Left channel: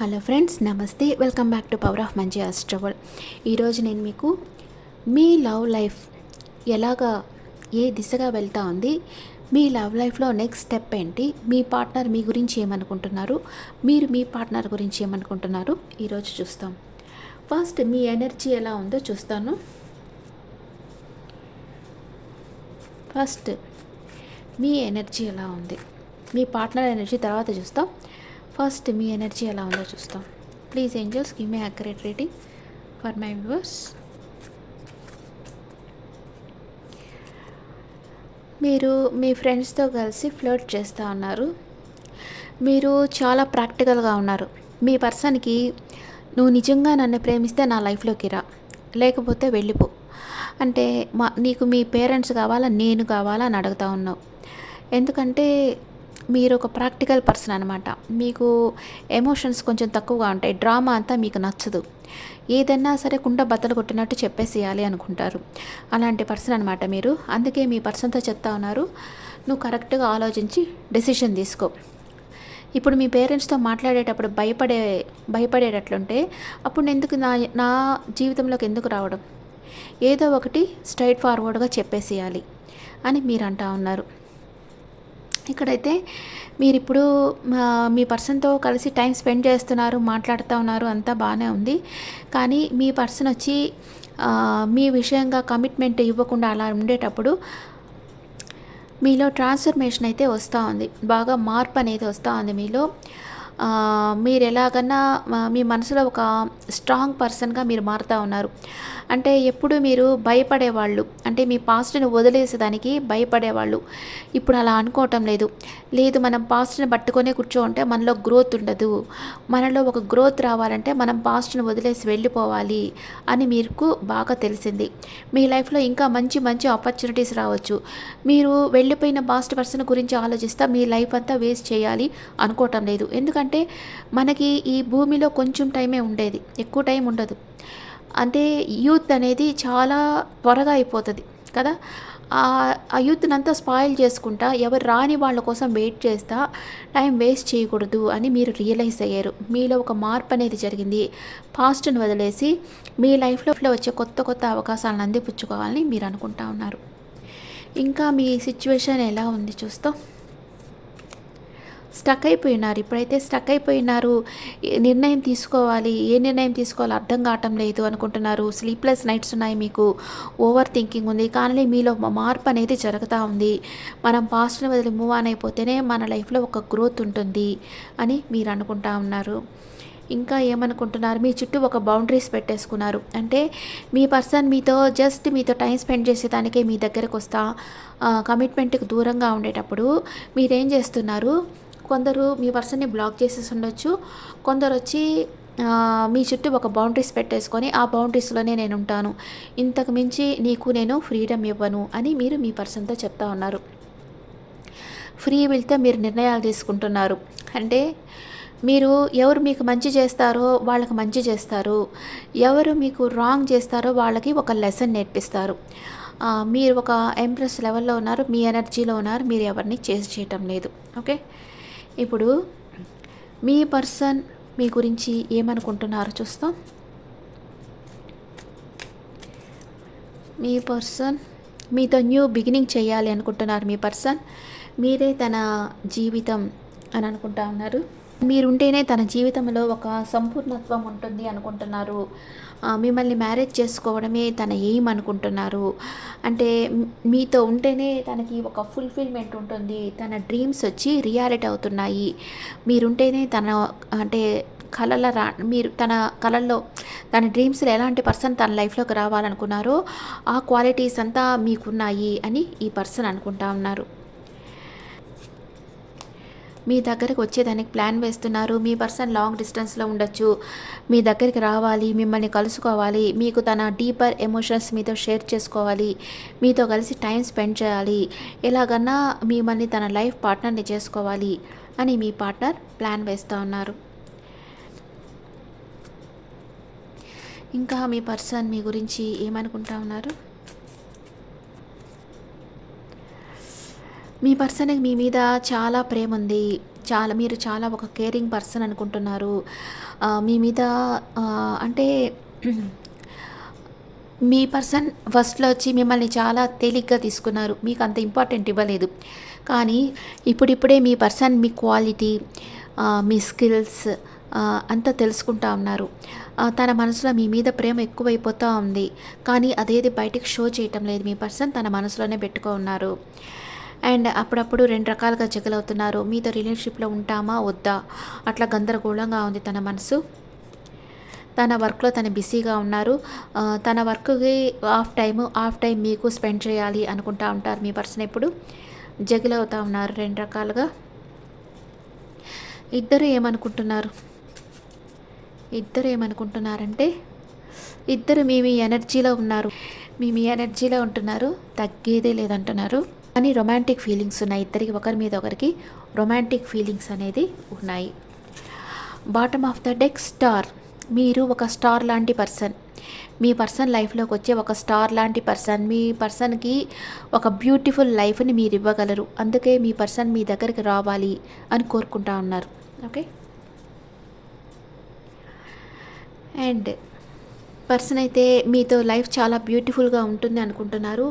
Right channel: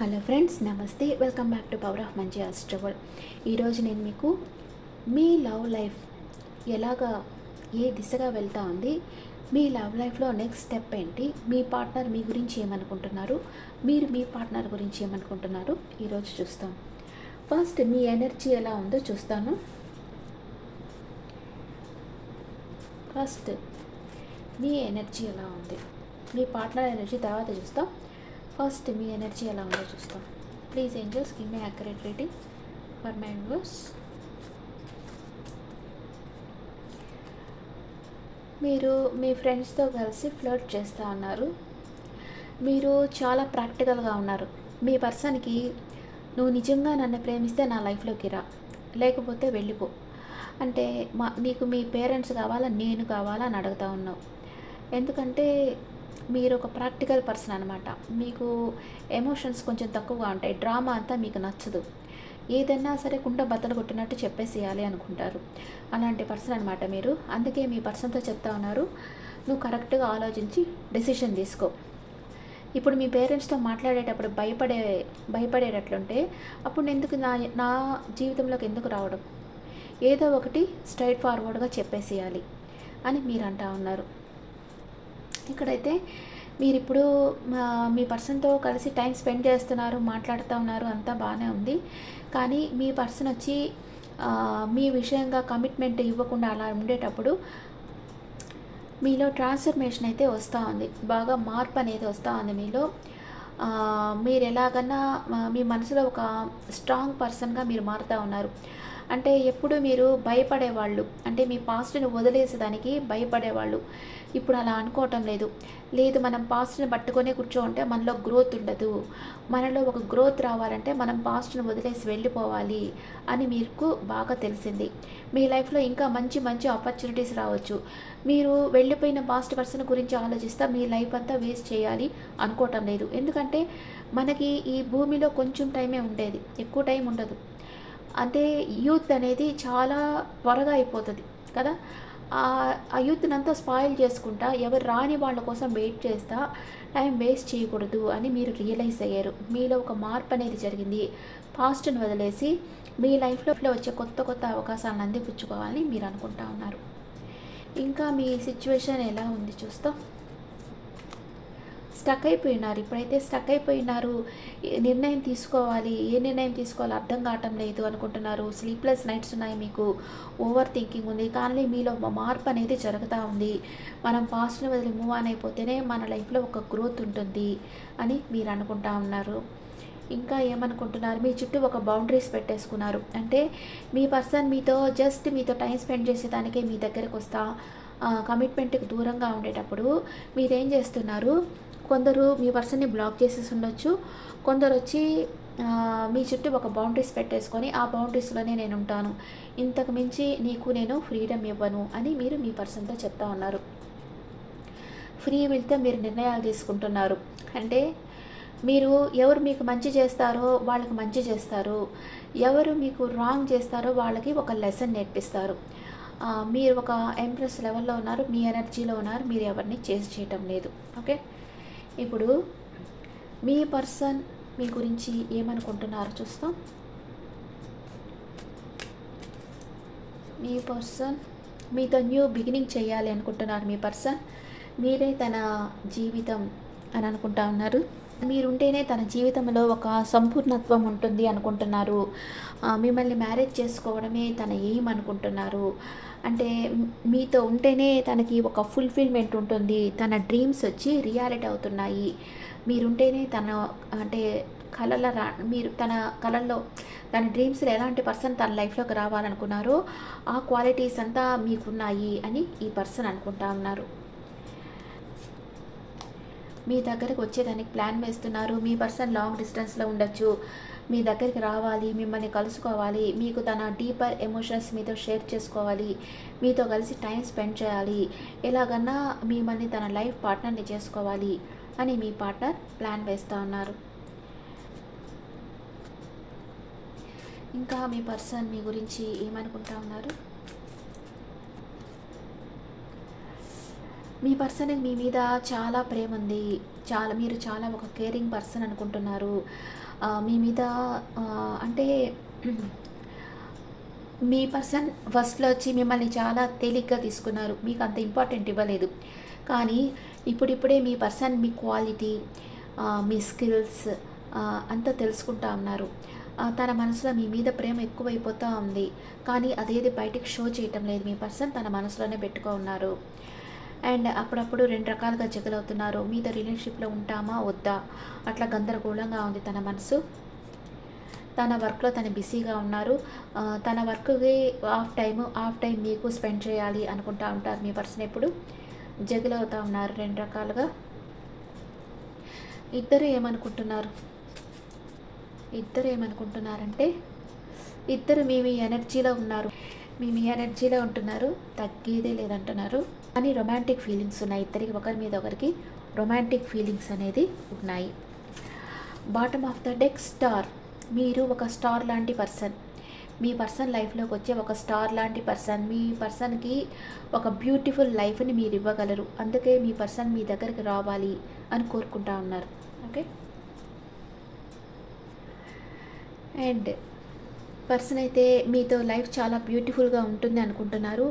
Hello friends namaste. Welcome back to power of మంచి ఆస్ట్రవల్ ఈరోజు నేను మీకు మీ లవ్ లైఫ్ ఎలాగా ఏ దిశగా వెళ్తా ఉంది మీ లవ్ లైఫ్లో నెక్స్ట్ స్టెప్ ఏంటి మీ పార్ట్నర్ మీ గురించి ఏమనుకుంటున్నారు మీరు మీ పార్ట్నర్ గురించి ఏమనుకుంటున్నారు ఈరోజు చూస్తాం. ఫస్ట్ మీ ఎనర్జీ ఎలా ఉందో చూస్తాను. ఫస్ట్ మీ ఎనర్జీ ఎలా ఉంది మీ పార్ట్నర్ ఎనర్జీ తర్వాత చూస్తాం. ఫస్ట్ మీ ఎనర్జీ ఎలా ఉందో చూస్తాం. Please angels give me accurate rating for my viewers మీరు మీ ఫ్రెండ్స్తో కలిసి ఫ్లర్ట్ చేస్తూ ఉన్నారు. మీరు చాలా ప్రాక్టికల్గా ఉన్నారు. మీ పర్సన్కి నువ్వు నిజంగా నన్ను ప్రేమిస్తే నా లైఫ్లోకి రా. లేకపోతే వెళ్ళిపో. అంటే మా నీకు మీ పేరెంట్స్ కావాలా నేను కావాలా అని అడుగుతా ఉన్నావు. ఎందుకంటే మీరు ఒక ప్రాక్టికల్ పర్సన్ అనమాట మీకు ఎమోషన్స్ కొంచెం తక్కువగా ఉంటాయి. డ్రామా అంతా మీకు నచ్చదు. ఏదన్నా సరే కుండ బద్దలు కొట్టినట్టు చెప్పేసేయాలి అనుకుంటారు. అలాంటి పర్సన్ అనమాట మీరు. అందుకే మీ పర్సన్తో చెప్తా ఉన్నారు. నువ్వు కరెక్ట్గా ఆలోచించి డెసిషన్ తీసుకో. ఇప్పుడు మీ పేరెంట్స్తో మాట్లాడేటప్పుడు భయపడే భయపడేటట్లుంటే అప్పుడు నేను ఎందుకు నా నా జీవితంలోకి ఎందుకు రావడం? ఏదో ఒకటి స్ట్రైట్ ఫార్వర్డ్గా చెప్పేసేయాలి అని మీరు అంటా ఉన్నారు. ఇక్కడైతే మీరు ఇప్పుడు మీ పర్సన్తో కలిసి టైం స్పెండ్ చేస్తున్నారు మాట్లాడుతూ ఉన్నారు అంతా బాగానే ఉంది. కానీ మీ పర్సన్ వచ్చి మీ విషయంగా కమిట్మెంట్ ఇవ్వకుండా అలా ఉండేటప్పుడు మీలో ట్రాన్స్ఫర్మేషన్ అయితే వస్తూ ఉంది. బాగా మార్పు అనేది వస్తూ ఉంది మీలో. మీరు ఎలాగన్నా మీ మనసులో ఒక స్ట్రాంగ్ పర్సన్గా మీరు మారుతూ ఉన్నారు. అంటే ఎప్పుడు మీరు భయపడేవాళ్ళు అంటే మీ పాస్ట్ని వదిలేసేదానికి భయపడేవాళ్ళు. ఇప్పుడు అలా అనుకోవటం లేదు. లేదు మనం పాస్ట్ని కూర్చో కూర్చోంటే మనలో గ్రోత్ ఉండదు. మనలో ఒక గ్రోత్ రావాలంటే మనం పాస్ట్ని వదిలేసి వెళ్ళిపోవాలి అని మీకు బాగా తెలిసింది. మీ లైఫ్లో ఇంకా మంచి మంచి ఆపర్చునిటీస్ రావచ్చు. మీరు వెళ్ళిపోయిన పాస్ట్ పర్సన్ గురించి ఆలోచిస్తే మీ లైఫ్ అంతా వేస్ట్ చేయాలి అనుకోవటం లేదు. ఎందుకంటే మనకి ఈ భూమిలో కొంచెం టైమే ఉండేది ఎక్కువ టైం ఉండదు. అంటే యూత్ అనేది చాలా త్వరగా అయిపోతుంది కదా. ఆ- ఆ యూత్ని అంతా స్పాయిల్ చేసుకుంటా ఎవరు రాని వాళ్ళ కోసం వెయిట్ చేస్తా టైం వేస్ట్ చేయకూడదు అని మీరు రియలైజ్ అయ్యారు. మీలో ఒక మార్పు అనేది జరిగింది. పాస్ట్ని వదిలేసి మీ లైఫ్లో వచ్చే కొత్త కొత్త అవకాశాలను అందిపుచ్చుకోవాలని మీరు అనుకుంటా ఉన్నారు. ఇంకా మీ సిచ్యువేషన్ ఎలా ఉంది చూస్తాం. స్టక్ అయిపోయినారు. ఇప్పుడైతే స్టక్ అయిపోయినారు. నిర్ణయం తీసుకోవాలి? ఏ నిర్ణయం తీసుకోవాలో? అర్థం కావటం లేదు అనుకుంటున్నారు. స్లీప్లెస్ నైట్స్ ఉన్నాయి మీకు. ఓవర్ థింకింగ్ ఉంది. కానీ మీలో మార్పు అనేది జరుగుతూ ఉంది. మనం పాస్ట్ని వదిలి మూవ్ ఆన్ అయిపోతేనే మన లైఫ్లో ఒక గ్రోత్ ఉంటుంది అని మీరు అనుకుంటా ఉన్నారు. ఇంకా ఏమనుకుంటున్నారు? మీ చుట్టూ ఒక బౌండరీస్ పెట్టేసుకున్నారు. అంటే మీ పర్సన్ మీతో జస్ట్ మీతో టైం స్పెండ్ చేసేదానికే మీ దగ్గరకు వస్తా కమిట్మెంట్కి దూరంగా ఉండేటప్పుడు మీరేం చేస్తున్నారు? కొందరు మీ పర్సన్ని బ్లాక్ చేసేసి ఉండొచ్చు. కొందరు వచ్చి మీ చుట్టూ ఒక బౌండరీస్ పెట్టేసుకొని ఆ బౌండరీస్లోనే నేను ఉంటాను ఇంతకు మించి నీకు నేను ఫ్రీడమ్ ఇవ్వను అని మీరు మీ పర్సన్తో చెప్తా ఉన్నారు. ఫ్రీ విల్తో మీరు నిర్ణయాలు తీసుకుంటున్నారు. అంటే మీరు ఎవరు మీకు మంచి చేస్తారో వాళ్ళకి మంచి చేస్తారు. ఎవరు మీకు రాంగ్ చేస్తారో వాళ్ళకి ఒక లెసన్ నేర్పిస్తారు. మీరు ఒక ఎంప్రెస్ లెవెల్లో ఉన్నారు. మీ ఎనర్జీలో ఉన్నారు. మీరు ఎవరిని చేసి చేయటం లేదు. ఓకే? ఇప్పుడు మీ పర్సన్ మీ గురించి ఏమనుకుంటున్నారో చూస్తాం. మీ పర్సన్ మీతో న్యూ బిగినింగ్ చేయాలి అనుకుంటున్నారు మీ పర్సన్. మీరే తన జీవితం అని అనుకుంటా ఉన్నారు. మీరుంటేనే తన జీవితంలో ఒక సంపూర్ణత్వం ఉంటుంది అనుకుంటున్నారు. మిమ్మల్ని మ్యారేజ్ చేసుకోవడమే తన ఎయిమ్ అనుకుంటున్నారు. అంటే మీతో ఉంటేనే తనకి ఒక ఫుల్ఫిల్మెంట్ ఉంటుంది. తన డ్రీమ్స్ వచ్చి రియాలిటీ అవుతున్నాయి. మీరుంటేనే తన అంటే కళల రా మీరు తన కళల్లో తన డ్రీమ్స్లో ఎలాంటి పర్సన్ తన లైఫ్లోకి రావాలనుకున్నారో ఆ క్వాలిటీస్ అంతా మీకున్నాయి అని ఈ పర్సన్ అనుకుంటా ఉన్నారు. మీ దగ్గరికి వచ్చేదానికి ప్లాన్ వేస్తున్నారు. మీ పర్సన్ లాంగ్ డిస్టెన్స్లో ఉండొచ్చు. మీ దగ్గరికి రావాలి మిమ్మల్ని కలుసుకోవాలి. మీకు తన డీపర్ ఎమోషన్స్ మీతో షేర్ చేసుకోవాలి. మీతో కలిసి టైం స్పెండ్ చేయాలి. ఎలాగన్నా మిమ్మల్ని తన లైఫ్ పార్ట్నర్ని చేసుకోవాలి అని మీ పార్ట్నర్ ప్లాన్ వేస్తూ ఉన్నారు. ఇంకా మీ పర్సన్ మీ గురించి ఏమనుకుంటా ఉన్నారు? మీ పర్సన్కి మీ మీద చాలా ప్రేమ ఉంది. చాలా మీరు చాలా ఒక కేరింగ్ పర్సన్ అనుకుంటున్నారు. మీ మీద అంటే మీ పర్సన్ ఫస్ట్లో వచ్చి మిమ్మల్ని చాలా తేలిగ్గా తీసుకున్నారు. మీకు అంత ఇంపార్టెంట్ ఇవ్వలేదు. కానీ ఇప్పుడిప్పుడే మీ పర్సన్ మీ క్వాలిటీ మీ స్కిల్స్ అంతా తెలుసుకుంటా ఉన్నారు. తన మనసులో మీ మీద ప్రేమ ఎక్కువైపోతూ ఉంది. కానీ అదేది బయటకు షో చేయటం లేదు. మీ పర్సన్ తన మనసులోనే పెట్టుకో ఉన్నారు. అండ్ అప్పుడప్పుడు రెండు రకాలుగా జగలవుతున్నారు. మీతో రిలేషన్షిప్లో ఉంటామా? వద్దా? అట్లా గందరగోళంగా ఉంది తన మనసు. తన వర్క్లో తను బిజీగా ఉన్నారు. తన వర్క్కి ఆఫ్ టైము ఆఫ్ టైం మీకు స్పెండ్ చేయాలి అనుకుంటా ఉంటారు. మీ పర్సన్ ఎప్పుడు? జగిల్ అవుతూ ఉన్నారు రెండు రకాలుగా. ఇద్దరు ఏమనుకుంటున్నారు? ఇద్దరు ఏమనుకుంటున్నారంటే ఇద్దరు మీ మీ ఎనర్జీలో ఉన్నారు. మీ మీ ఎనర్జీలో ఉంటున్నారు. తగ్గేదే లేదంటున్నారు. కానీ రొమాంటిక్ ఫీలింగ్స్ ఉన్నాయి. ఇద్దరికి ఒకరి మీద ఒకరికి రొమాంటిక్ ఫీలింగ్స్ అనేది ఉన్నాయి. Bottom of the deck star మీరు ఒక స్టార్ లాంటి పర్సన్ మీ పర్సన్ లైఫ్లోకి వచ్చే ఒక స్టార్ లాంటి పర్సన్ మీ పర్సన్కి ఒక బ్యూటిఫుల్ లైఫ్ని మీరు ఇవ్వగలరు. అందుకే మీ పర్సన్ మీ దగ్గరికి రావాలి అని కోరుకుంటా ఉన్నారు. ఓకే అండ్ పర్సన్ అయితే మీతో లైఫ్ చాలా బ్యూటిఫుల్గా ఉంటుంది అనుకుంటున్నారు.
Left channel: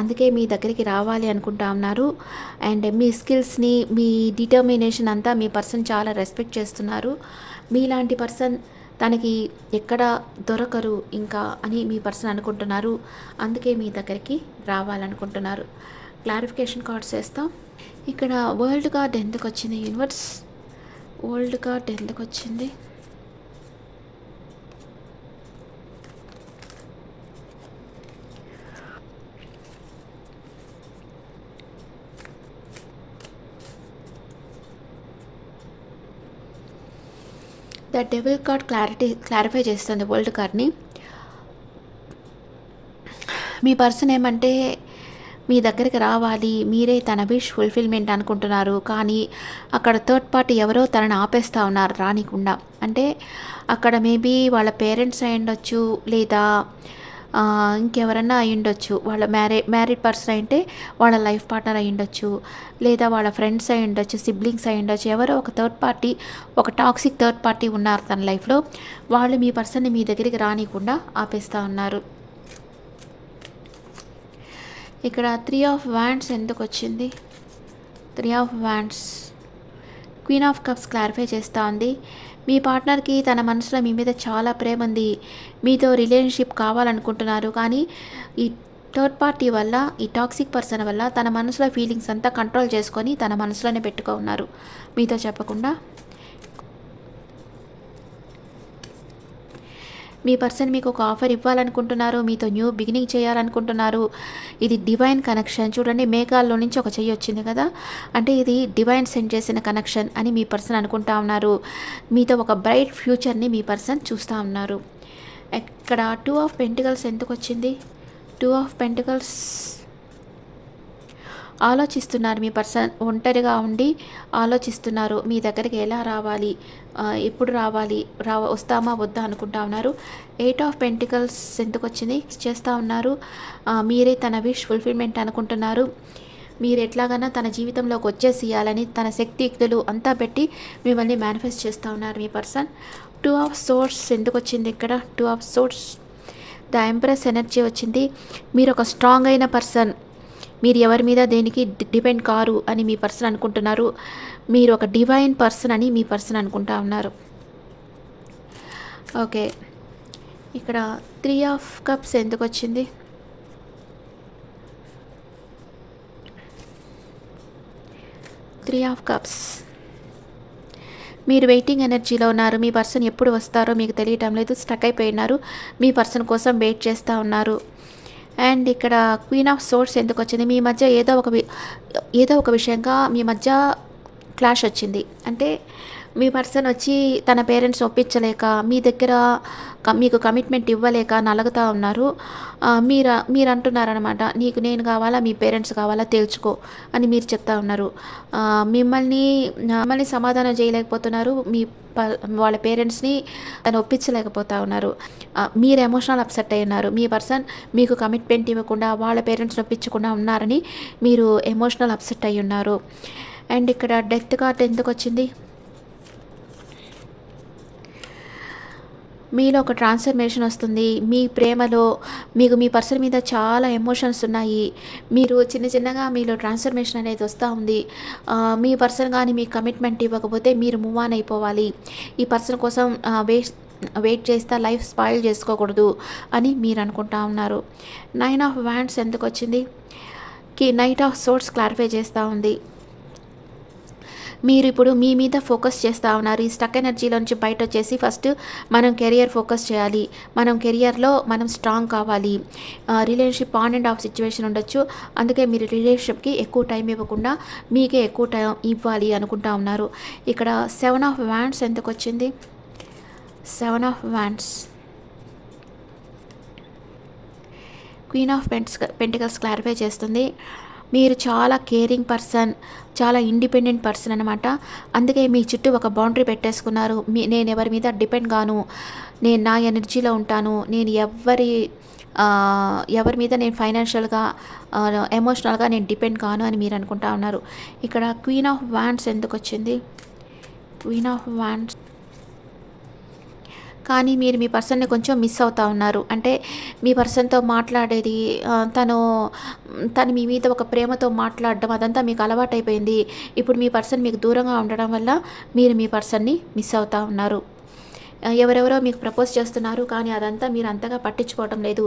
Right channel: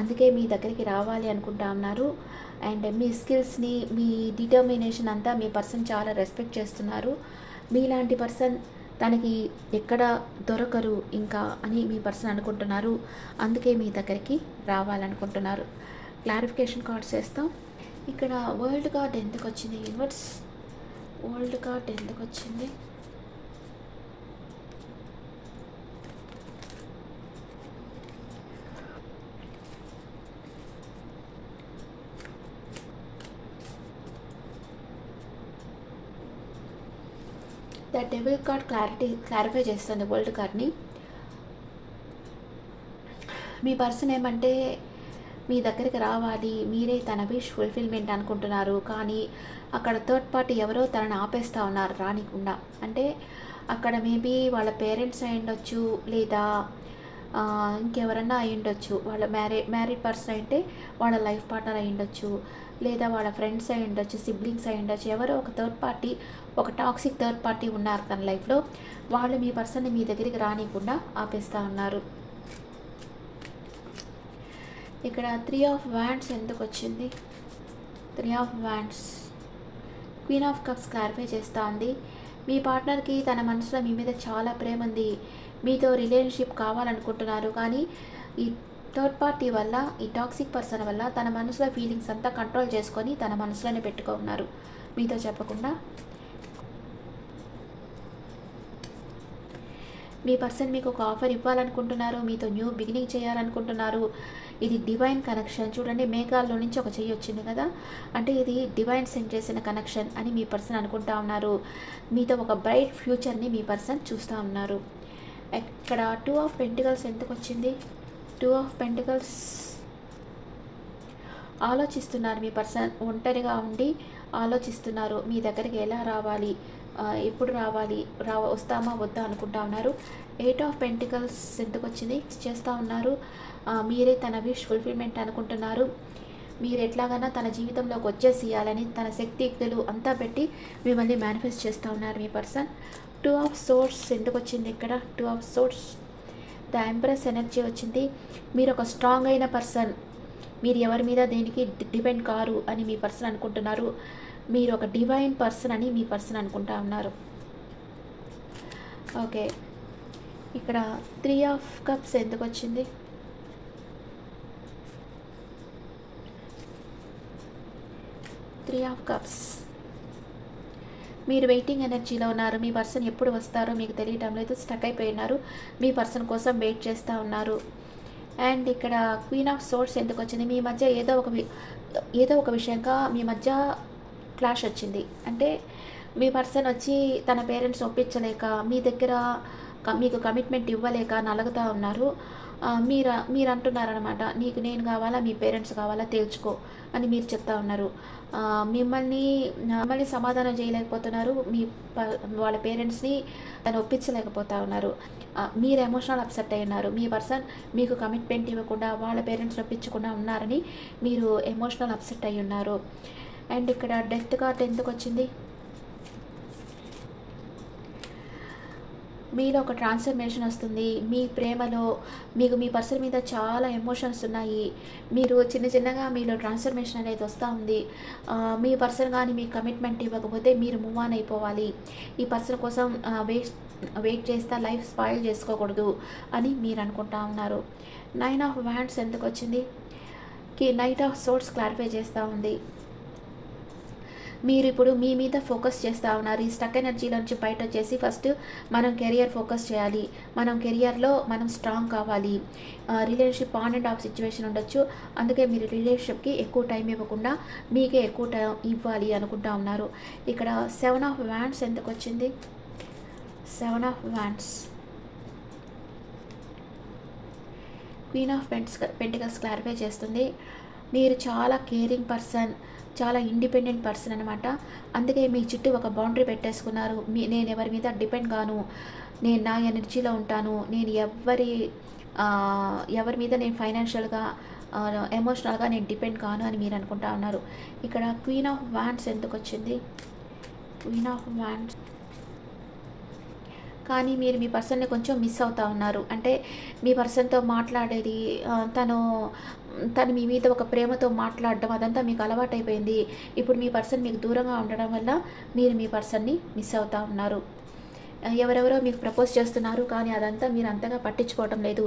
అందుకే మీ దగ్గరికి రావాలి అనుకుంటా ఉన్నారు. అండ్ మీ స్కిల్స్ని మీ డిటర్మినేషన్ అంతా మీ పర్సన్ చాలా రెస్పెక్ట్ చేస్తున్నారు. మీలాంటి పర్సన్ తనకి ఎక్కడ దొరకరు ఇంకా అని మీ పర్సన్ అనుకుంటున్నారు. అందుకే మీ దగ్గరికి రావాలనుకుంటున్నారు క్లారిఫికేషన్ కార్డ్స్ చేస్తాం ఇక్కడ వరల్డ్ కార్డ్ ఎందుకు వచ్చింది? యూనివర్స్ వరల్డ్ కార్డ్ ఎందుకు వచ్చింది? The devil card clarity clarify చేస్తుంది వరల్డ్ కార్డ్ని. మీ పర్సన్ ఏమంటే మీ దగ్గరికి రావాలి మీరే తన విష్ ఫుల్ఫిల్మెంట్ అనుకుంటున్నారు కానీ అక్కడ థర్డ్ పార్టీ ఎవరో తనని ఆపేస్తూ ఉన్నారు రానికుండా. అంటే అక్కడ మేబీ వాళ్ళ పేరెంట్స్ అయి ఉండొచ్చు లేదా ఇంకెవరన్నా అయి ఉండొచ్చు వాళ్ళ మ్యారే మ్యారీడ్ పర్సన్ అయితే వాళ్ళ లైఫ్ పార్ట్నర్ అయి ఉండొచ్చు లేదా వాళ్ళ ఫ్రెండ్స్ అయి ఉండొచ్చు సిబ్లింగ్స్ అయి ఉండొచ్చు ఎవరో ఒక థర్డ్ పార్టీ ఒక టాక్సిక్ థర్డ్ పార్టీ ఉన్నారు తన లైఫ్లో. వాళ్ళు మీ పర్సన్ని మీ దగ్గరికి రానికుండా ఆపేస్తూ ఉన్నారు. ఇక్కడ త్రీ ఆఫ్ వ్యాండ్స్ ఎందుకు వచ్చింది three of wands queen of cups clarify చేస్తూ ఉంది. మీ పార్ట్నర్కి తన మనసులో మీ మీద చాలా ప్రేమ ఉంది. మీతో రిలేషన్షిప్ కావాలనుకుంటున్నారు. కానీ ఈ థర్డ్ పార్టీ వల్ల ఈ టాక్సిక్ పర్సన్ వల్ల తన మనసులో ఫీలింగ్స్ అంతా కంట్రోల్ చేసుకొని తన మనసులోనే పెట్టుకో ఉన్నారు మీతో చెప్పకుండా మీ పర్సన్ మీకు ఒక ఆఫర్ ఇవ్వాలనుకుంటున్నారు మీతో న్యూ బిగినింగ్ చేయాలనుకుంటున్నారు. ఇది డివైన్ కనెక్షన్. చూడండి మేఘాల్లో నుంచి ఒక చెయ్యి వచ్చింది కదా? అంటే ఇది డివైన్ సెండ్ చేసిన కనెక్షన్ అని మీ పర్సన్ అనుకుంటా ఉన్నారు. మీతో ఒక బ్రైట్ ఫ్యూచర్ని మీ పర్సన్ చూస్తూ ఉన్నారు. ఇక్కడ టూ ఆఫ్ పెంటికల్స్ ఎందుకు వచ్చింది? టూ ఆఫ్ పెంటికల్స్ ఆలోచిస్తున్నారు. మీ పర్సన్ ఒంటరిగా ఉండి ఆలోచిస్తున్నారు. మీ దగ్గరికి ఎలా రావాలి? ఎప్పుడు రావాలి? రా వస్తామా? వద్దా? అనుకుంటా ఉన్నారు. ఎయిట్ ఆఫ్ పెంటికల్స్ ఎందుకు వచ్చింది చేస్తూ ఉన్నారు. మీరే తన విష్ ఫుల్ఫిల్మెంట్ అనుకుంటున్నారు. మీరు ఎట్లాగైనా తన జీవితంలోకి వచ్చేసేయాలని తన శక్తియుక్తులు అంతా పెట్టి మిమ్మల్ని మేనిఫెస్ట్ చేస్తూ ఉన్నారు మీ పర్సన్. టూ ఆఫ్ సోర్స్ ఎందుకు వచ్చింది ఇక్కడ? Two of swords. The empress energy వచ్చింది. మీరు ఒక స్ట్రాంగ్ అయిన పర్సన్. మీరు ఎవరి మీద దేనికి డిపెండ్ కారు అని మీ పర్సన్ అనుకుంటున్నారు మీరు ఒక డివైన్ పర్సన్ అని మీ పర్సన్ అనుకుంటా ఉన్నారు. ఓకే. ఇక్కడ త్రీ ఆఫ్ కప్స్ ఎందుకు వచ్చింది? Three of cups. మీరు వెయిటింగ్ ఎనర్జీలో ఉన్నారు మీ పర్సన్ ఎప్పుడు వస్తారో మీకు తెలియటం లేదు స్టక్ అయిపోయి ఉన్నారు మీ పర్సన్ కోసం వెయిట్ చేస్తూ ఉన్నారు. అండ్ ఇక్కడ క్వీన్ ఆఫ్ సోర్స్ ఎందుకు వచ్చింది? మీ మధ్య ఏదో ఒక వి- ఏదో ఒక విషయంగా మీ మధ్య క్లాష్ వచ్చింది. అంటే మీ పర్సన్ వచ్చి తన పేరెంట్స్ ఒప్పించలేక మీ దగ్గర మీకు కమిట్మెంట్ ఇవ్వలేక నలుగుతూ ఉన్నారు. మీరు మీరు అంటున్నారనమాట నీకు నేను కావాలా మీ పేరెంట్స్ కావాలా తేల్చుకో అని మీరు చెప్తా ఉన్నారు. మిమ్మల్ని మిమ్మల్ని సమాధానం చేయలేకపోతున్నారు. మీ ప- వాళ్ళ పేరెంట్స్ని తను ఒప్పించలేకపోతా ఉన్నారు. మీరు ఎమోషనల్ అప్సెట్ అయి ఉన్నారు. మీ పర్సన్ మీకు కమిట్మెంట్ ఇవ్వకుండా వాళ్ళ పేరెంట్స్ని ఒప్పించకుండా ఉన్నారని మీరు ఎమోషనల్ అప్సెట్ అయి ఉన్నారు. అండ్ ఇక్కడ డెత్ కార్డ్ ఎందుకు వచ్చింది మీలో ఒక ట్రాన్స్ఫర్మేషన్ వస్తుంది. మీ ప్రేమలో మీకు మీ పర్సన్ మీద చాలా ఎమోషన్స్ ఉన్నాయి. మీరు చిన్న చిన్నగా మీలో ట్రాన్స్ఫర్మేషన్ అనేది వస్తూ ఉంది. మీ పర్సన్ కానీ మీకు కమిట్మెంట్ ఇవ్వకపోతే మీరు మూవ్ ఆన్ అయిపోవాలి. ఈ పర్సన్ కోసం వేస్ట్ వెయిట్ చేస్తే లైఫ్ స్పాయిల్ చేసుకోకూడదు అని మీరు అనుకుంటా ఉన్నారు. నైన్ ఆఫ్ వ్యాండ్స్ ఎందుకు వచ్చింది కి నైట్ ఆఫ్ సోర్స్ క్లారిఫై చేస్తూ ఉంది. మీరు ఇప్పుడు మీ మీద ఫోకస్ చేస్తూ ఉన్నారు. ఈ స్టక్ ఎనర్జీలో నుంచి బయట వచ్చేసి ఫస్ట్ మనం కెరియర్ ఫోకస్ చేయాలి. మనం కెరియర్లో మనం స్ట్రాంగ్ కావాలి. Relationship on and off situation ఉండొచ్చు. అందుకే మీరు రిలేషన్షిప్కి ఎక్కువ టైం ఇవ్వకుండా మీకే ఎక్కువ టైం ఇవ్వాలి అనుకుంటా ఉన్నారు. ఇక్కడ సెవెన్ ఆఫ్ వ్యాండ్స్ ఎందుకు వచ్చింది seven of wands queen of pents pentacles clarify చేస్తుంది. మీరు చాలా కేరింగ్ పర్సన్ చాలా ఇండిపెండెంట్ పర్సన్ అనమాట అందుకే మీ చుట్టూ ఒక బౌండరీ పెట్టేసుకున్నారు. మీ నేను ఎవరి మీద డిపెండ్ గాను నేను నా ఎనర్జీలో ఉంటాను నేను ఎవరి ఎవరి మీద నేను ఫైనాన్షియల్గా ఎమోషనల్గా నేను డిపెండ్ కాను అని మీరు అనుకుంటా ఉన్నారు. ఇక్కడ క్వీన్ ఆఫ్ వ్యాండ్స్ ఎందుకు వచ్చింది క్వీన్ ఆఫ్ వ్యాండ్స్ కానీ మీరు మీ పర్సన్ని కొంచెం మిస్ అవుతా ఉన్నారు. అంటే మీ పర్సన్తో మాట్లాడేది తను తను మీ మీద ఒక ప్రేమతో మాట్లాడడం అదంతా మీకు అలవాటైపోయింది. ఇప్పుడు మీ పర్సన్ మీకు దూరంగా ఉండడం వల్ల మీరు మీ పర్సన్ని మిస్ అవుతా ఉన్నారు. ఎవరెవరో మీకు ప్రపోజ్ చేస్తున్నారు కానీ అదంతా మీరు అంతగా పట్టించుకోవటం లేదు.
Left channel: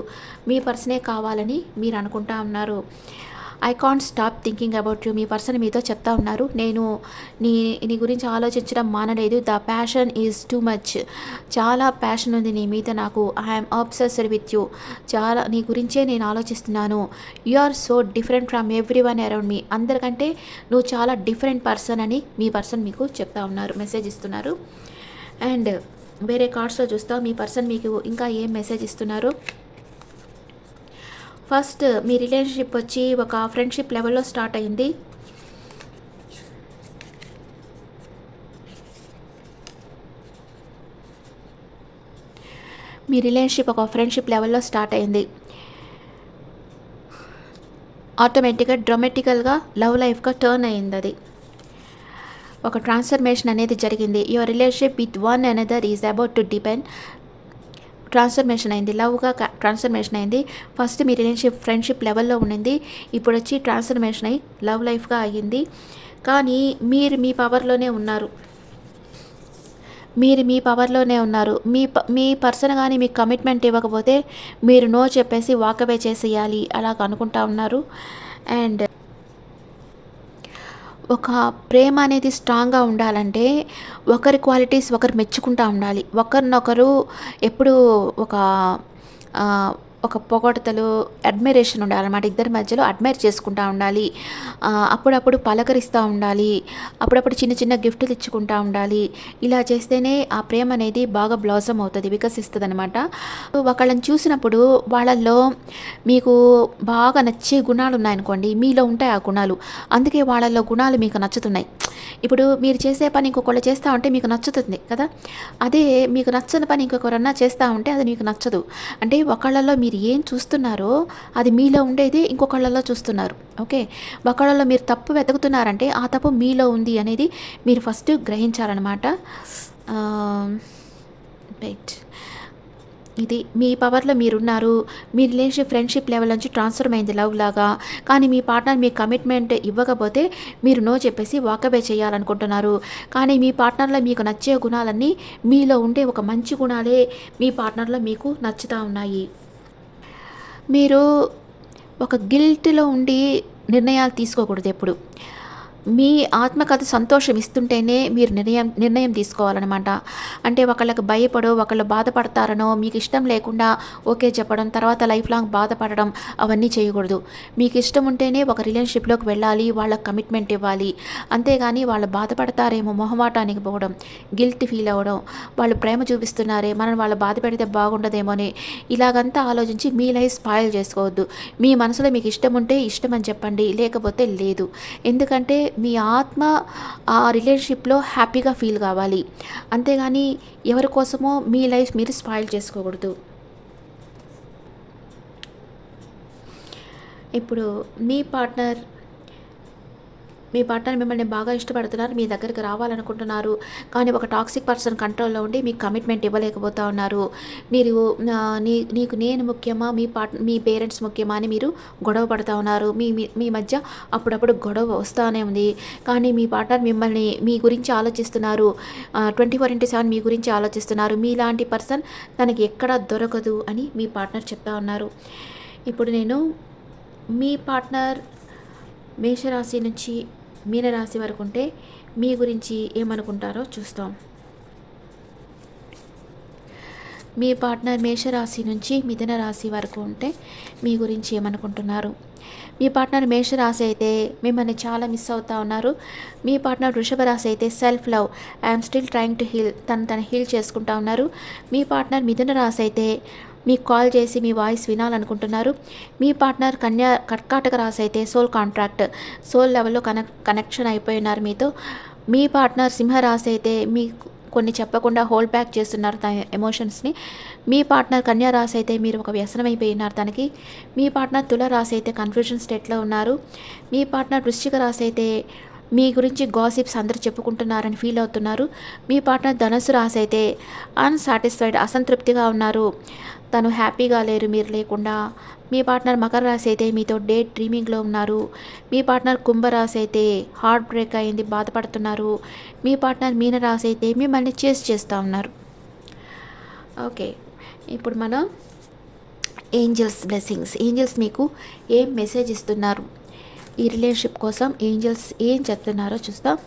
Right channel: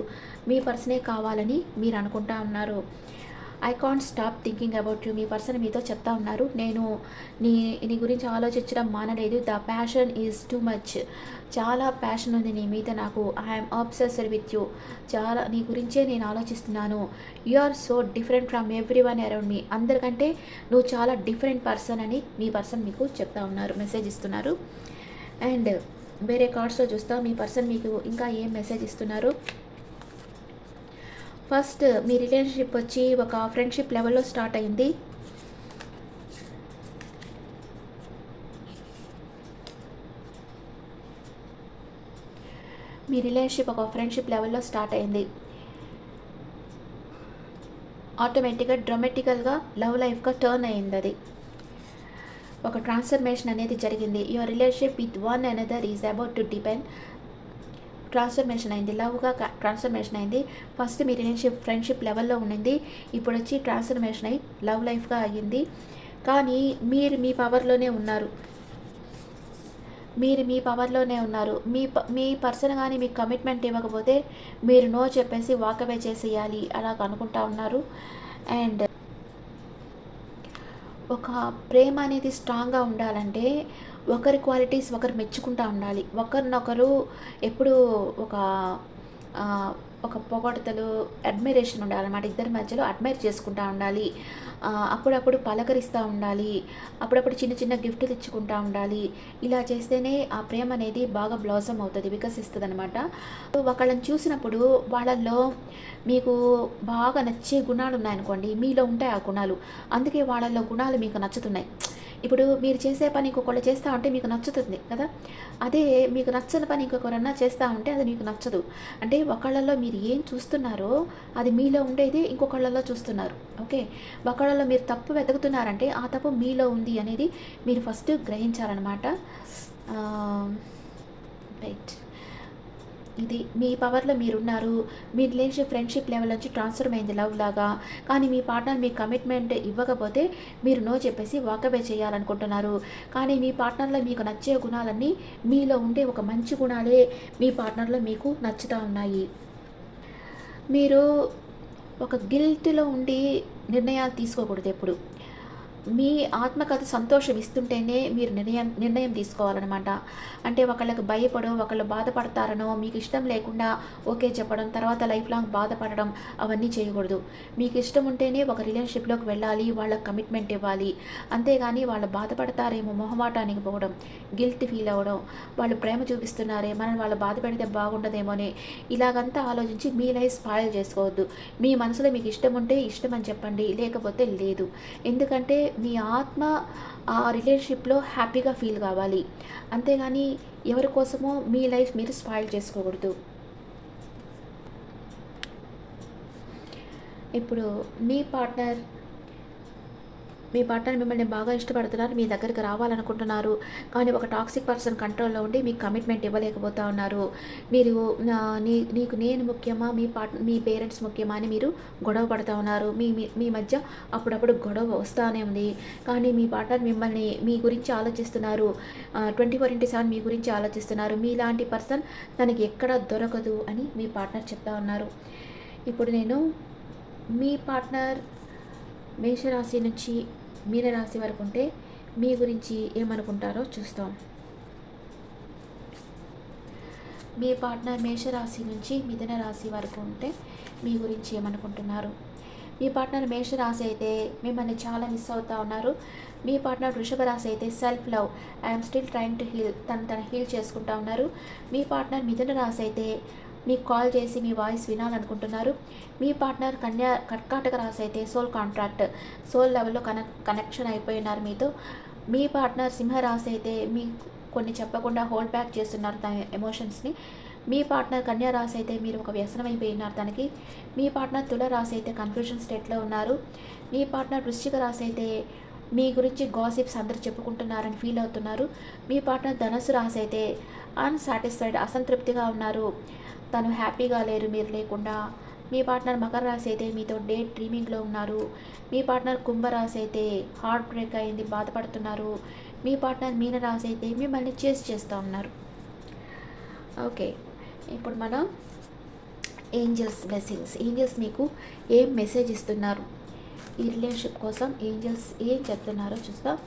మీ పర్సనే కావాలని మీరు అనుకుంటా ఉన్నారు. I can't stop thinking about you me person మీతో చెప్తా ఉన్నారు. నేను నీ నీ గురించి ఆలోచించడం మానలేదు. The passion is too much చాలా ప్యాషన్ ఉంది నీ మీద నాకు. ఐఎమ్ అబ్సెస్డ్ విత్ యూ చాలా నీ గురించే నేను ఆలోచిస్తున్నాను. You are so different from everyone around మీ అందరికంటే నువ్వు చాలా డిఫరెంట్ పర్సన్ అని మీ పర్సన్ మీకు చెప్తా ఉన్నారు. మెసేజ్ ఇస్తున్నారు. అండ్ వేరే కార్డ్స్లో చూస్తా. మీ పర్సన్ మీకు ఇంకా ఏం మెసేజ్ ఇస్తున్నారు? ఫస్ట్ మీ రిలేషన్షిప్ వచ్చి ఒక ఫ్రెండ్షిప్ లెవెల్లో స్టార్ట్ అయింది. మీ రిలేషన్షిప్ ఒక ఫ్రెండ్షిప్ లెవెల్లో స్టార్ట్ అయింది. ఆటోమేటిక్గా డ్రమాటికల్గా లవ్ లైఫ్గా టర్న్ అయింది అది. ఒక ట్రాన్స్ఫర్మేషన్ అనేది జరిగింది. Your relationship with one another is about to depend transformation అయింది. లవ్గా ట్రాన్స్ఫర్మేషన్ అయింది. ఫస్ట్ మీ రిలేషన్షిప్ ఫ్రెండ్షిప్ లెవెల్లో ఉండింది. ఇప్పుడు వచ్చి ట్రాన్స్ఫర్మేషన్ అయ్యి లవ్ లైఫ్గా అయ్యింది. కానీ మీరు మీ పవర్లోనే ఉన్నారు. మీరు మీ పవర్లోనే ఉన్నారు. మీ ప మీ పర్సన్ కానీ మీకు కమిట్మెంట్ ఇవ్వకపోతే మీరు నో చెప్పేసి వాకవే చేసేయాలి. అలాగ అనుకుంటా ఉన్నారు. అండ్ ఒక ప్రేమ అనేది స్ట్రాంగ్గా ఉండాలంటే ఒకరి క్వాలిటీస్ ఒకరు మెచ్చుకుంటూ ఉండాలి. ఒకరినొకరు ఎప్పుడు ఒక ఒక పొగడతలు అడ్మిరేషన్ ఉండాలన్నమాట. ఇద్దరి మధ్యలో అడ్మైర్ చేసుకుంటూ ఉండాలి. అప్పుడప్పుడు పలకరిస్తూ ఉండాలి. అప్పుడప్పుడు చిన్న చిన్న గిఫ్ట్లు ఇచ్చుకుంటూ ఉండాలి. ఇలా చేస్తేనే ఆ ప్రేమ అనేది బాగా బ్లాసమ్ అవుతుంది వికసిస్తుంది అనమాట ఒకళ్ళని చూసినప్పుడు వాళ్ళల్లో మీకు బాగా నచ్చే గుణాలు ఉన్నాయనుకోండి మీలో ఉంటాయి ఆ గుణాలు. అందుకే వాళ్ళల్లో గుణాలు మీకు నచ్చుతున్నాయి. ఇప్పుడు మీరు చేసే పని ఇంకొకళ్ళు చేస్తూ ఉంటే మీకు నచ్చుతుంది కదా? అదే మీకు నచ్చని పని ఇంకొకరన్నా చేస్తూ ఉంటే అది మీకు నచ్చదు. అంటే ఒకళ్ళలో మీరు ఏం చూస్తున్నారో అది మీలో ఉండేది ఇంకొకళ్ళలో చూస్తున్నారు. ఓకే? ఒకళ్ళలో మీరు తప్పు వెతుకుతున్నారంటే ఆ తప్పు మీలో ఉంది అనేది మీరు ఫస్ట్ గ్రహించాలన్నమాట. రైట్ ఇది మీ పవర్లో మీరున్నారు. మీ రిలేషన్ ఫ్రెండ్షిప్ లెవెల్ నుంచి ట్రాన్స్ఫర్ అయింది లవ్ లాగా. కానీ మీ పార్ట్నర్ మీ కమిట్మెంట్ ఇవ్వకపోతే మీరు నో చెప్పేసి వాకబే చేయాలనుకుంటున్నారు. కానీ మీ పార్ట్నర్లో మీకు నచ్చే గుణాలన్నీ మీలో ఉండే ఒక మంచి గుణాలే మీ పార్ట్నర్లో మీకు నచ్చుతూ ఉన్నాయి. మీరు ఒక గిల్ట్లో ఉండి నిర్ణయాలు తీసుకోకూడదు ఎప్పుడు. మీ ఆత్మకథ సంతోషం ఇస్తుంటేనే మీరు నిర్ణయం నిర్ణయం తీసుకోవాలన్నమాట. అంటే ఒకళ్ళకి భయపడో ఒకళ్ళు బాధపడతారనో మీకు ఇష్టం లేకుండా ఓకే చెప్పడం తర్వాత లైఫ్ లాంగ్ బాధపడడం అవన్నీ చేయకూడదు. మీకు ఇష్టం ఉంటేనే ఒక రిలేషన్షిప్లోకి వెళ్ళాలి వాళ్ళకి కమిట్మెంట్ ఇవ్వాలి. అంతేగాని వాళ్ళు బాధపడతారేమో మొహమాటానికి పోవడం గిల్ట్ ఫీల్ అవ్వడం వాళ్ళు ప్రేమ చూపిస్తున్నారే మనం వాళ్ళు బాధ పెడితే బాగుండదేమోని ఇలాగంతా ఆలోచించి మీ లైఫ్ స్పాయిల్ చేసుకోవద్దు. మీ మనసులో మీకు ఇష్టం ఉంటే ఇష్టం అని చెప్పండి లేకపోతే లేదు. ఎందుకంటే మీ ఆత్మ ఆ రిలేషన్షిప్లో హ్యాపీగా ఫీల్ కావాలి. అంతేగాని ఎవరి కోసమో మీ లైఫ్ మీరు స్పాయిల్ చేసుకోకూడదు. ఇప్పుడు మీ పార్ట్నర్ మీ పార్ట్నర్ మిమ్మల్ని బాగా ఇష్టపడుతున్నారు మీ దగ్గరికి రావాలనుకుంటున్నారు. కానీ ఒక టాక్సిక్ పర్సన్ కంట్రోల్లో ఉండి మీకు కమిట్మెంట్ ఇవ్వలేకపోతా ఉన్నారు. మీరు నీ నీకు నేను ముఖ్యమా మీ పార్ట్ మీ పేరెంట్స్ ముఖ్యమా అని మీరు గొడవ పడుతూ ఉన్నారు. మీ మీ- మీ మధ్య అప్పుడప్పుడు గొడవ వస్తూనే ఉంది. కానీ మీ పార్ట్నర్ మిమ్మల్ని మీ గురించి ఆలోచిస్తున్నారు. ట్వంటీ ఫోర్ ఇంటూ సెవెన్ మీ గురించి ఆలోచిస్తున్నారు. మీలాంటి పర్సన్ తనకి ఎక్కడ దొరకదు అని మీ పార్ట్నర్ చెప్తా ఉన్నారు. ఇప్పుడు నేను మీ పార్ట్నర్ మేషరాశి నుంచి మీనరాశి వరకు ఉంటే మీ గురించి ఏమనుకుంటారో చూస్తాం. మీ పార్ట్నర్ మేషరాశి నుంచి మిథున రాశి వరకు ఉంటే మీ గురించి ఏమనుకుంటున్నారు? మీ పార్ట్నర్ మేషరాశి అయితే మిమ్మల్ని చాలా మిస్ అవుతా ఉన్నారు. మీ పార్ట్నర్ వృషభ రాశి అయితే self love I'm still trying to heal తను తను హీల్ చేసుకుంటా ఉన్నారు. మీ పార్ట్నర్ మిథున రాశి అయితే మీకు కాల్ చేసి మీ వాయిస్ వినాలనుకుంటున్నారు. మీ పార్ట్నర్ కన్యా కర్కాటక రాశి అయితే సోల్ కాంట్రాక్ట్ సోల్ లెవెల్లో కనెక్ కనెక్షన్ అయిపోయినారు మీతో. మీ పార్ట్నర్ సింహరాశి అయితే మీ కొన్ని చెప్పకుండా హోల్డ్ బ్యాక్ చేస్తున్నారు తన ఎమోషన్స్ని. మీ పార్ట్నర్ కన్యా రాశి అయితే మీరు ఒక వ్యసనం అయిపోయినారు తనకి. మీ పార్ట్నర్ తుల రాశి అయితే కన్ఫ్యూజన్ స్టేట్లో ఉన్నారు. మీ పార్ట్నర్ వృశ్చిక రాశి అయితే మీ గురించి గాసిప్స్ అందరూ చెప్పుకుంటున్నారని ఫీల్ అవుతున్నారు. మీ పార్ట్నర్ ధనుసు రాశి అయితే అన్సాటిస్ఫైడ్ అసంతృప్తిగా ఉన్నారు. తను హ్యాపీగా లేరు మీరు లేకుండా. మీ పార్ట్నర్ మకర రాశి అయితే మీతో డేట్ డ్రీమింగ్లో ఉన్నారు. మీ పార్ట్నర్ కుంభరాశి అయితే హార్ట్ బ్రేక్ అయింది బాధపడుతున్నారు. మీ పార్ట్నర్ మీన రాశి అయితే మిమ్మల్ని చేసి చేస్తూ ఉన్నారు. ఓకే ఇప్పుడు మనం ఏంజల్స్ బ్లెస్సింగ్స్. ఏంజల్స్ మీకు ఏం మెసేజ్ ఇస్తున్నారు? ఈ రిలేషన్షిప్ కోసం ఏంజల్స్ ఏం చెప్తున్నారో చూస్తాం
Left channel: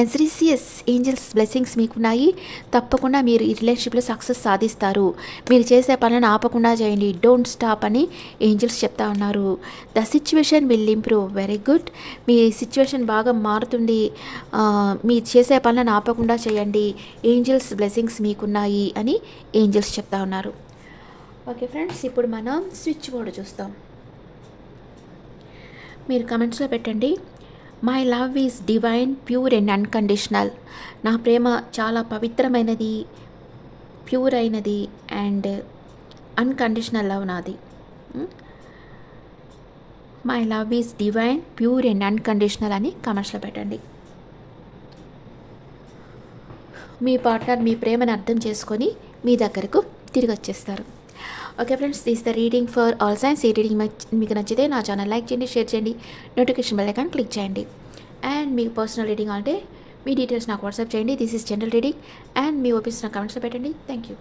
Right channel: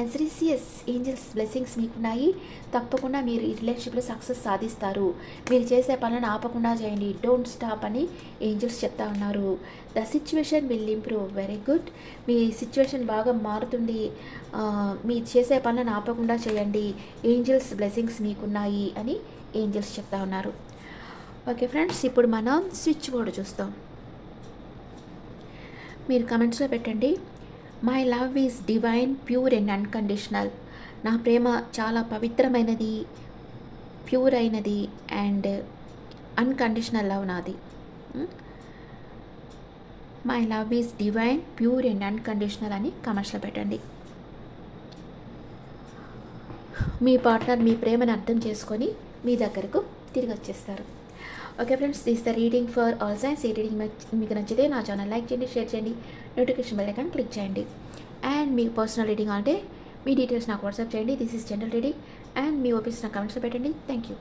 ఎన్సీసీఎస్ ఏంజల్స్ బ్లెస్సింగ్స్ మీకున్నాయి. తప్పకుండా మీరు ఈ రిలేషన్షిప్లో సక్సెస్ సాధిస్తారు. మీరు చేసే పనులను ఆపకుండా చేయండి. డోంట్ స్టాప్ అని ఏంజల్స్ చెప్తా ఉన్నారు. The situation will improve. Very good. Me situation బాగా మారుతుంది. మీరు చేసే పనులను ఆపకుండా చేయండి. ఏంజల్స్ బ్లెస్సింగ్స్ మీకున్నాయి అని ఏంజల్స్ చెప్తా ఉన్నారు. ఓకే ఫ్రెండ్స్ ఇప్పుడు మనం స్విచ్ బోర్డు చూస్తాం. మీరు కమెంట్స్లో పెట్టండి. My love is divine pure and unconditional నా ప్రేమ చాలా పవిత్రమైనది ప్యూర్ అయినది అండ్ అన్కండిషనల్ లవ్ నాది. My love is divine pure and unconditional అని కమెంట్స్లో పెట్టండి. మీ పార్ట్నర్ మీ ప్రేమను అర్థం చేసుకొని మీ దగ్గరకు తిరిగి వచ్చేస్తారు okay friends this the reading for all signs ఈ రీడింగ్ మీకు నచ్చితే నా ఛానల్ లైక్ చేయండి షేర్ చేయండి నోటిఫికేషన్ బెల్ ఐకాన్ క్లిక్ చేయండి. అండ్ మీ పర్సనల్ రీడింగ్ అంటే మీ డీటెయిల్స్ నాకు వాట్సాప్ చేయండి. This is general reading and me opinions నా కమెంట్స్లో పెట్టండి. Thank you